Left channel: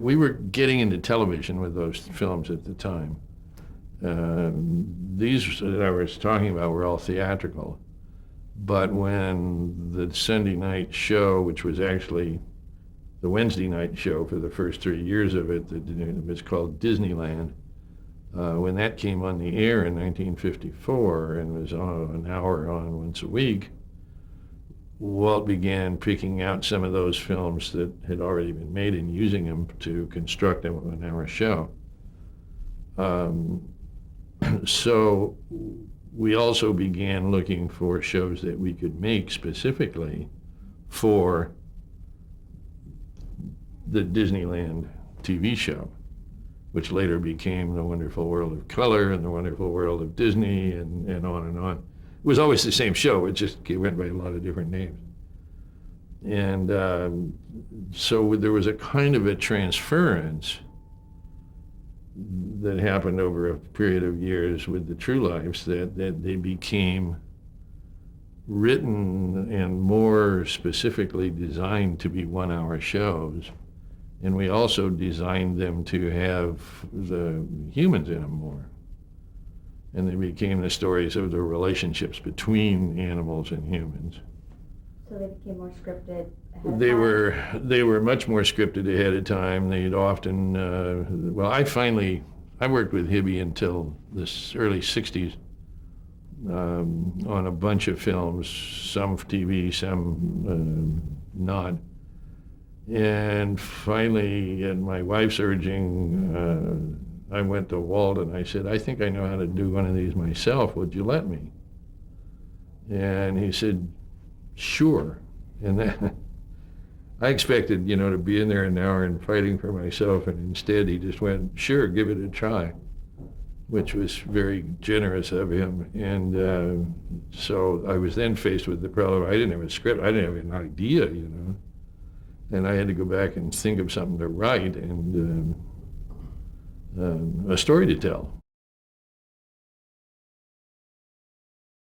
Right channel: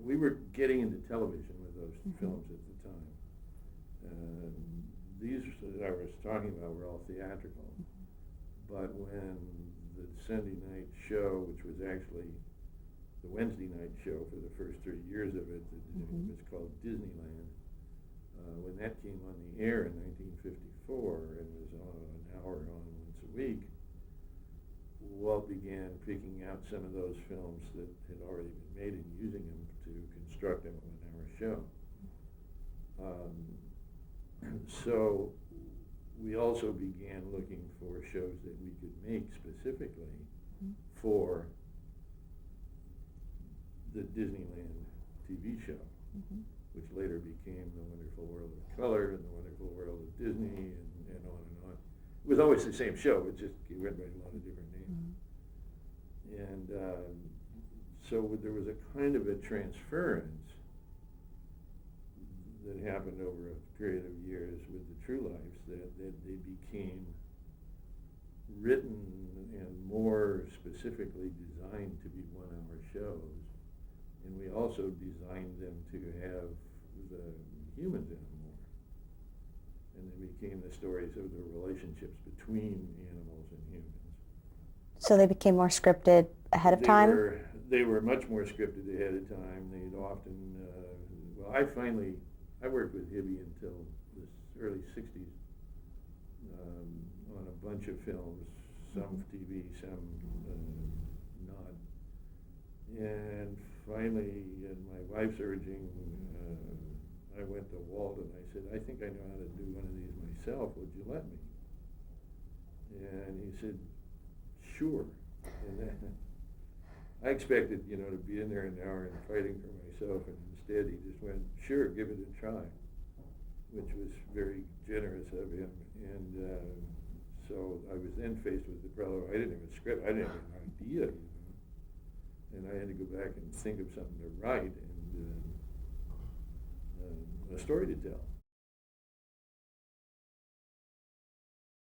We were getting into television with those films at the time. These that I was talking about were all theatrical. But when the Sunday night show, which was actually the Wednesday night show for the first 3 years of it, it was called Disneyland, when that came on the air in 1954 and was on an hour on once a week, Walt began picking out some of those films that had already been made and using them to construct a 1 hour show. So we also began looking for shows that we could make specifically for the Disneyland TV show, which later became The Wonderful World of Color and The Wonderful World of Disney, and on and on. It was always the same show, it just went by a lot of different names. And so there was a kind of a transference that happened over a period of years with the True Lives, that they became written and more specifically designed to be 1 hour shows. And we also designed them to have the humans in them more. And they became the stories of the relationships between animals and humans. So they became more scripted ahead of time? They were much more scripted ahead of time. They'd often, I worked with Hibby until the early 60s on a bunch of films, some for TV, some not. And finally, at my wife's urging, I went to Walt and I said, I think I know how to do one of these myself. Would you let me? And he said, sure. And then I expected, to be in there an hour and fighting for myself, and instead he just went, sure, give it a try, which was very generous of him. And so I was then faced with the problem, I didn't have a script, I didn't have an idea, and I had to go back and think of something to write and a story to tell.